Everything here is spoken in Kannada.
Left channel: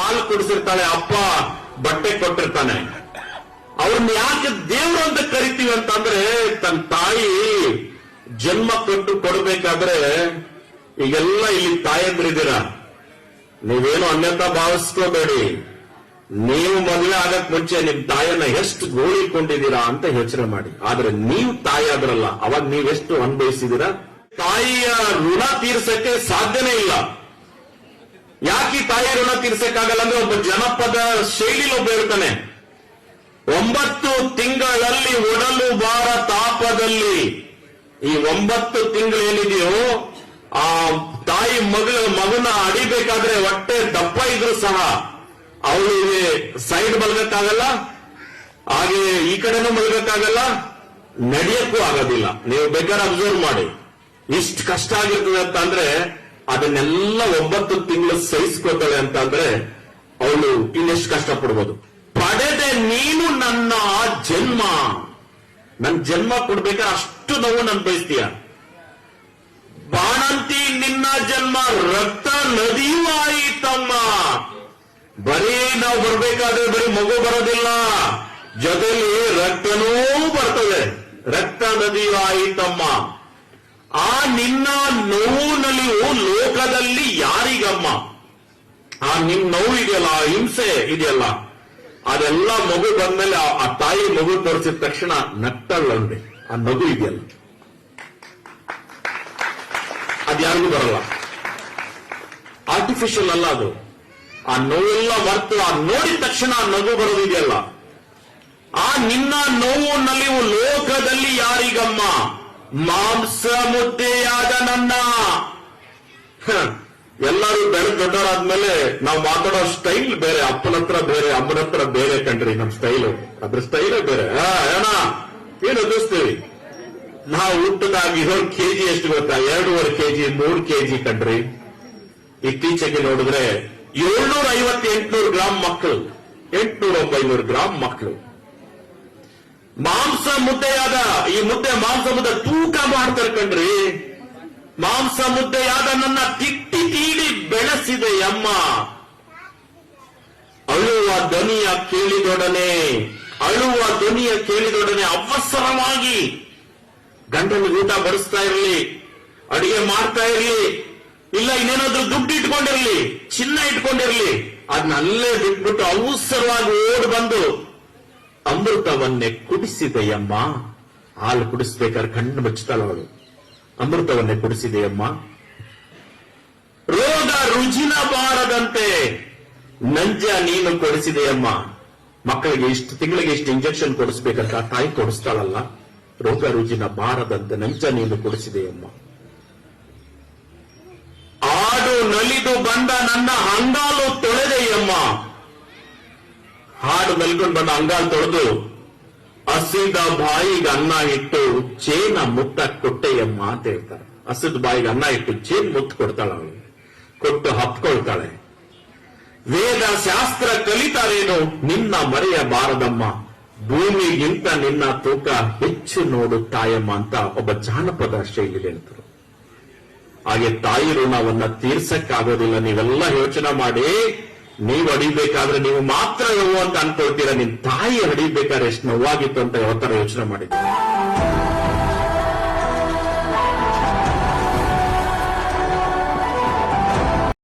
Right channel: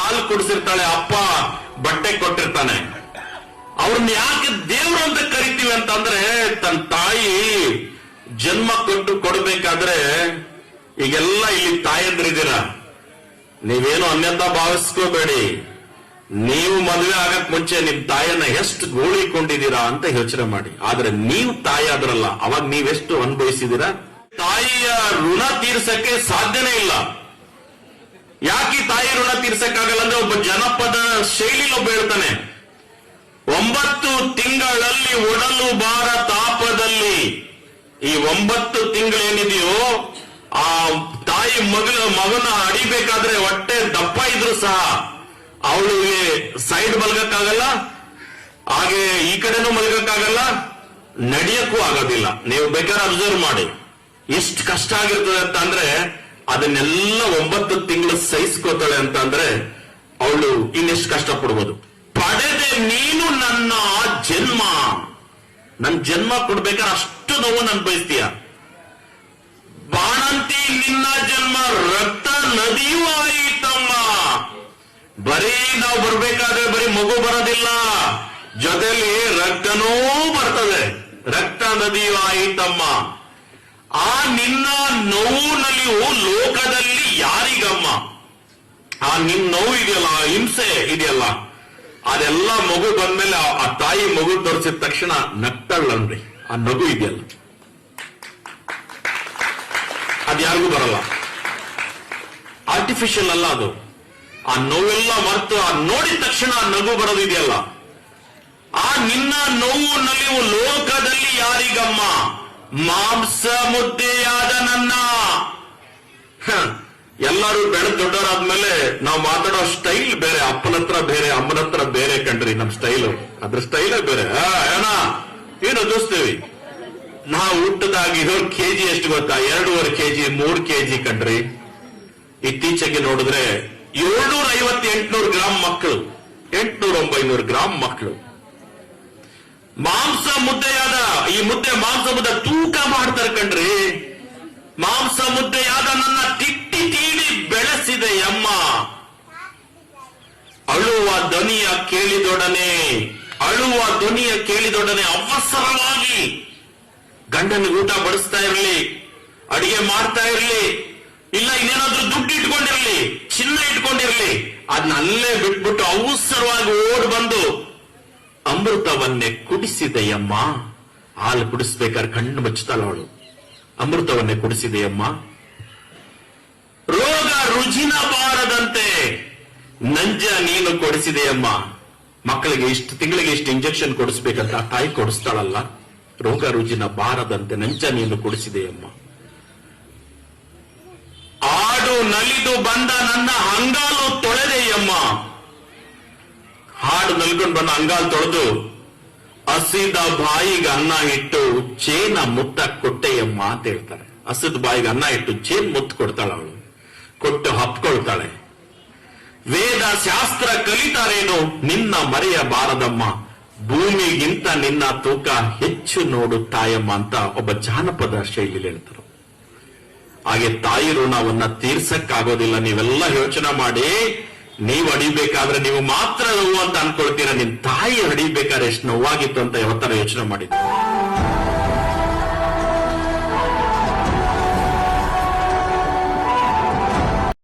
ಹಾಲು ಕುಡಿಸಿರ್ತಾಳೆ, ಅಪ್ಪ ಬಟ್ಟೆ ಕೊಟ್ಟಿರ್ತಾನೆ. ಅವ್ರನ್ನ ಯಾಕೆ ದೇವ್ರು ಅಂತ ಕರಿತೀವಿ ಅಂತಂದ್ರೆ, ತನ್ನ ತಾಯಿ ಜನ್ಮ ಕೊಡ್ಬೇಕಾದ್ರೆ, ಈಗೆಲ್ಲ ಇಲ್ಲಿ ತಾಯಂದ್ರಿದ್ದೀರ, ನೀವೇನು ಅನ್ಯತಾ ಭಾವಿಸ್ಕೋಬೇಡಿ. ನೀವು ಮದುವೆ ಆಗಕ್ ಮುಂಚೆ ನಿಮ್ ತಾಯಿಯನ್ನ ಎಷ್ಟು ಗೋಳಿಕೊಂಡಿದ್ದೀರಾ ಅಂತ ಯೋಚನೆ ಮಾಡಿ. ಆದ್ರೆ ನೀವು ತಾಯಿ ಆದ್ರಲ್ಲ, ಅವಾಗ ನೀವೆಷ್ಟು ಅನುಭವಿಸಿದ್ದೀರಾ? ತಾಯಿಯ ಋಣ ತೀರ್ಸಕ್ಕೆ ಸಾಧ್ಯನೇ ಇಲ್ಲ. ಯಾಕೆ ತಾಯಿ ಋಣ ತೀರ್ಸಕ್ಕಾಗಲ್ಲ ಅಂದ್ರೆ, ಒಬ್ಬ ಜನಪದ ಶೈಲಿಲಿ ಒಬ್ಬ ಹೇಳ್ತಾನೆ, 9 ತಿಂಗಳಲ್ಲಿ ಒಡಲು ಬಾರ ತಾಪದಲ್ಲಿ. ಈ 9 ತಿಂಗಳೇನಿದೆಯೋ, ಆ ತಾಯಿ ಮಗನ ಅಡಿಬೇಕಾದ್ರೆ ಹೊಟ್ಟೆ ದಪ್ಪ ಇದ್ರು ಸಹ ಅವಳಿಗೆ ಸೈಡ್ ಮಲಗಕ್ಕಾಗಲ್ಲ, ಹಾಗೆ ಈ ಕಡೆನೂ ಮಲಗಕ್ಕಾಗಲ್ಲ, ನಡೆಯಕ್ಕೂ ಆಗೋದಿಲ್ಲ. ನೀವು ಬೇಕಾದ್ರೆ ಅಬ್ಸರ್ವ್ ಮಾಡಿ, ಇಷ್ಟು ಕಷ್ಟ ಆಗಿರ್ತದೆ ಅಂತ ಅಂದ್ರೆ ಅದನ್ನೆಲ್ಲ 9 ತಿಂಗಳು ಸಹಿಸ್ಕೋತಾಳೆ ಅಂತ ಅಂದ್ರೆ ಅವಳು ಇನ್ನೆಷ್ಟು ಕಷ್ಟ ಪಡ್ಬೋದು. ಪಡೆದೆ ನೀನು ನನ್ನ ಜನ್ಮ, ನನ್ ಜನ್ಮ ಕೊಡ್ಬೇಕಾದ್ರೆ ಅಷ್ಟು ನೋವು ನನ್ ಬಯಸ್ತೀಯ. ಬಾಣಂತಿ ನಿನ್ನ ಜನ್ಮ ರಕ್ತ ನದಿಯೂ ಆಯಿತಮ್ಮ. ಬರೀ ನಾವು ಬರ್ಬೇಕಾದ್ರೆ ಬರೀ ಮಗು ಬರೋದಿಲ್ಲ, ಜೊತೆಲಿ ರಕ್ತನೂ ಬರ್ತದೆ. ರಕ್ತ ನದಿಯೂ ಆಯಿತಮ್ಮ. ಆ ನಿನ್ನ ನೋವು ನಲಿವು ಲೋಕದಲ್ಲಿ ಯಾರಿಗಮ್ಮ? ಆ ನಿನ್ ನೋವು ಇದೆಯಲ್ಲ, ಆ ಹಿಂಸೆ ಇದೆಯಲ್ಲ, ಅದೆಲ್ಲ ಮಗು ಬಂದ್ಮೇಲೆ ಆ ತಾಯಿ ಮಗು ತೋರಿಸಿದ ತಕ್ಷಣ ನಗ್ತಾಳನ್ರಿ. ಆ ನಗು ಇದೆಯಲ್ಲ, ಅದ್ಯಾರಿಗೂ ಬರಲ್ಲ. ಆರ್ಟಿಫಿಷಿಯಲ್ ಅಲ್ಲ ಅದು. ಆ ನೋವೆಲ್ಲ ಮರೆತು ಆ ನೋಡಿದ ತಕ್ಷಣ ಆ ನಗು ಬರೋದಿದೆಯಲ್ಲ, ಆ ನಿನ್ನ ನೋವು ನಲಿವು ಲೋಕದಲ್ಲಿ ಯಾರಿಗಮ್ಮ? ಮಾಂಸ ಮುದ್ದೆಯಾದ ನನ್ನ. ಎಲ್ಲರೂ ಬೆಳೆದ ದೊಡ್ಡರಾದ್ಮೇಲೆ ನಾವು ಮಾತಾಡೋ ಸ್ಟೈಲ್ ಬೇರೆ, ಅಪ್ಪನ ಹತ್ರ ಬೇರೆ, ಅಮ್ಮನ ಹತ್ರ ಬೇರೆ ಕಣ್ರಿ. ನಮ್ ಸ್ಟೈಲು, ಅದ್ರ ಸ್ಟೈಲೇ ಬೇರೆ. ಅಣ್ಣ ಏನು ಅನಿಸ್ತೀವಿ ನಾವು ಹುಟ್ಟದಾಗಿ ಕೆಜಿ ಎಷ್ಟು ಗೊತ್ತಾ? 2.5 ಕೆಜಿ 3 ಕೆಜಿ ಕಣ್ರಿ. ಇತ್ತೀಚೆಗೆ ನೋಡಿದ್ರೆ 750-800 ಗ್ರಾಮ್ ಮಕ್ಕಳು, 800-900 ಗ್ರಾಮ್ ಮಕ್ಕಳು ಮಾಂಸ ಮುದ್ದೆಯಾದ. ಈ ಮುದ್ದೆ ಮಾಂಸ ಮುದ್ದೆ ತೂಕ ಮಾಡ್ತಾರೆ ಕಣ್ರಿ. ಮಾಂಸ ಮುದ್ದೆಯಾದ ನನ್ನ ತಿಟ್ಟಿ ತೀಡಿ ಬೆಳೆಸಿದೆ ಅಮ್ಮ. ಅಳುವ ಧ್ವನಿಯ ಕೇಳಿದೊಡನೆ ಅವಸರವಾಗಿ ಗಂಡನಿಗೆ ಊಟ ಬಡಿಸ್ತಾ ಇರಲಿ, ಅಡಿಗೆ ಮಾಡ್ತಾ ಇರಲಿ, ಇಲ್ಲ ಇನ್ನೇನಾದ್ರೂ ದುಡ್ಡು ಇಟ್ಕೊಂಡಿರ್ಲಿ, ಚಿನ್ನ ಇಟ್ಕೊಂಡಿರ್ಲಿ, ಅದನ್ನ ಅಲ್ಲೇ ಬಿಟ್ಬಿಟ್ಟು ಅವಸರವಾಗಿ ಓಡ್ ಬಂದು ಅಮೃತವನ್ನೇ ಕುಡಿಸಿದೆಯಮ್ಮ. ಹಾಲು ಕುಡಿಸ್ಬೇಕಾದ್ರೆ ಕಣ್ಣು ಮುಚ್ಚುತ್ತಾಳ ಅವಳು. ಅಮೃತವನ್ನೇ ಕುಡಿಸಿದೆಯಮ್ಮ. ರೋಗ ರುಜಿನ ಬಾರದಂತೆ ನಂಜ ನೀನು ಕೊಡಿಸಿದೆಯಮ್ಮ. ಮಕ್ಕಳಿಗೆ ಇಷ್ಟು ತಿಂಗಳಿಗೆ ಇಷ್ಟು ಇಂಜೆಕ್ಷನ್ ಕೊಡಿಸ್ಬೇಕಂತ ತಾಯಿ ಕೊಡಿಸ್ತಾಳಲ್ಲ. ರೋಗ ರುಜಿನ ಬಾರದಂತೆ ನಂಜ ನೀನು ಕೊಡಿಸಿದೆಯಮ್ಮ. ಆಡು ನಲಿದು ಬಂದ ನನ್ನ ಅಂಗಾಲು ತೊಳೆದೆಯಮ್ಮ. ಹಾಡು ನಲ್ಕೊಂಡು ಬಂದ ಅಂಗಾಲು ತೊಳೆದು ಹಸಿದ ಬಾಯಿಗೆ ಅನ್ನ ಇಟ್ಟು ಚೇನ ಮುತ್ತ ಕೊಟ್ಟೆಯಮ್ಮ ಅಂತ ಹೇಳ್ತಾರೆ. ಹಸಿದ ಬಾಯಿಗೆ ಅನ್ನ ಇಟ್ಟು ಚೇನ್ ಮುತ್ತು ಕೊಡ್ತಾಳೆ ಅವಳು, ಕೊಟ್ಟು ಹಪ್ಕೊಳ್ತಾಳೆ. ವೇದ ಶಾಸ್ತ್ರ ಕಲಿತಾರೇನು ನಿನ್ನ ಮರೆಯಬಾರದಮ್ಮ. ಭೂಮಿಗಿಂತ ನಿನ್ನ ತೂಕ ಹೆಚ್ಚು ನೋಡು ತಾಯಮ್ಮ ಅಂತ ಒಬ್ಬ ಜಾನಪದ ಶೈಲಿ ಹೇಳ್ತಾರೆ. ಹಾಗೆ ತಾಯಿ ಋಣವನ್ನ ತೀರ್ಸಕ್ಕಾಗೋದಿಲ್ಲ. ನೀವೆಲ್ಲ ಯೋಚನೆ ಮಾಡಿ, ನೀವು ಅಡಿಬೇಕಾದ್ರೆ ನೀವು ಮಾತ್ರ ನೋವು ಅಂತ ಅನ್ಕೊಳ್ತೀರಾ. ನಿಮ್ ತಾಯಿ ಅಡಿಬೇಕಾದ್ರೆ ಎಷ್ಟು ನೋವಾಗಿತ್ತು ಅಂತ ಯಾವತ್ತರ ಯೋಚನೆ ಮಾಡಿದ್ದೀರಾ?